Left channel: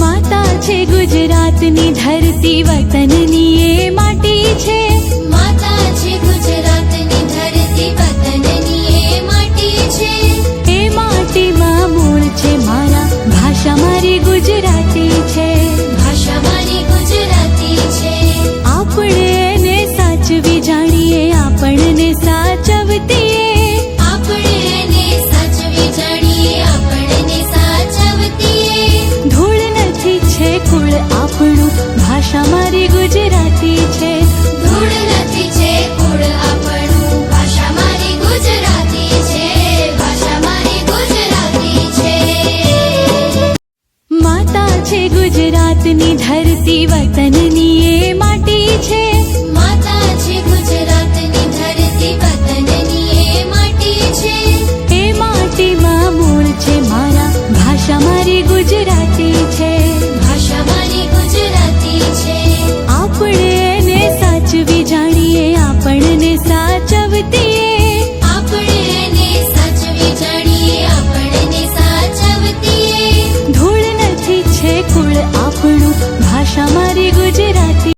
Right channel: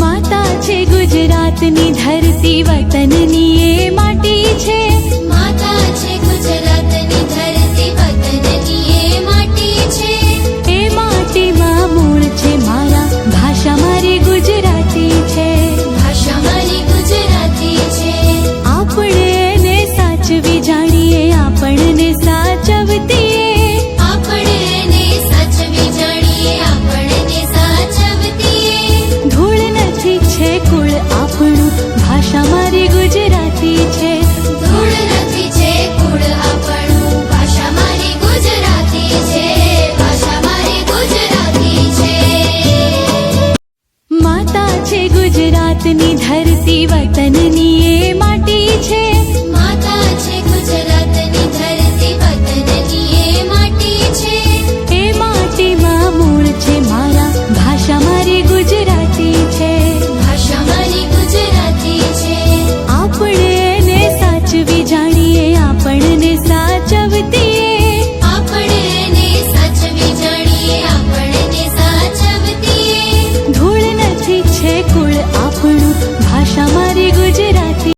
માતા છે ગુજરાતની ધરતી, વતનની એ માટી છે. માતા છે ગુજરાતની ધરતી, વતનની એ માટી છે. એ માટીમાં મૂળ છે મારા, ભાષા મારી ગુજરાતી છે. ભાષા મારી ગુજરાતી છે. આપણે એને સાચવી જાણીએ, આપણને સાચવતીએ. આપણે એને સાચવી જાણીએ, આપણને સાચવતીએ. ધૂળ નથી છે કુળ આપણું, ભાષા મારી ગુજરાતી છે. ધૂળ નથી છે કુળ આપણું, ભાષા મારી ગુજરાતી છે. ભાષા મારી ગુજરાતી છે. માતા છે ગુજરાતની ધરતી, વતનની એ માટી છે. માતા છે ગુજરાતની ધરતી, વતનની એ માટી છે. એ માટીમાં મૂળ છે મારા, ભાષા મારી ગુજરાતી છે. ભાષા મારી ગુજરાતી છે. આપણે એને સાચવી જાણીએ, આપણને સાચવતીએ. આપણે એને સાચવી જાણીએ, આપણને સાચવતીએ. ધૂળ નથી છે કુળ આપણું, ભાષા મારી ગુજરાતી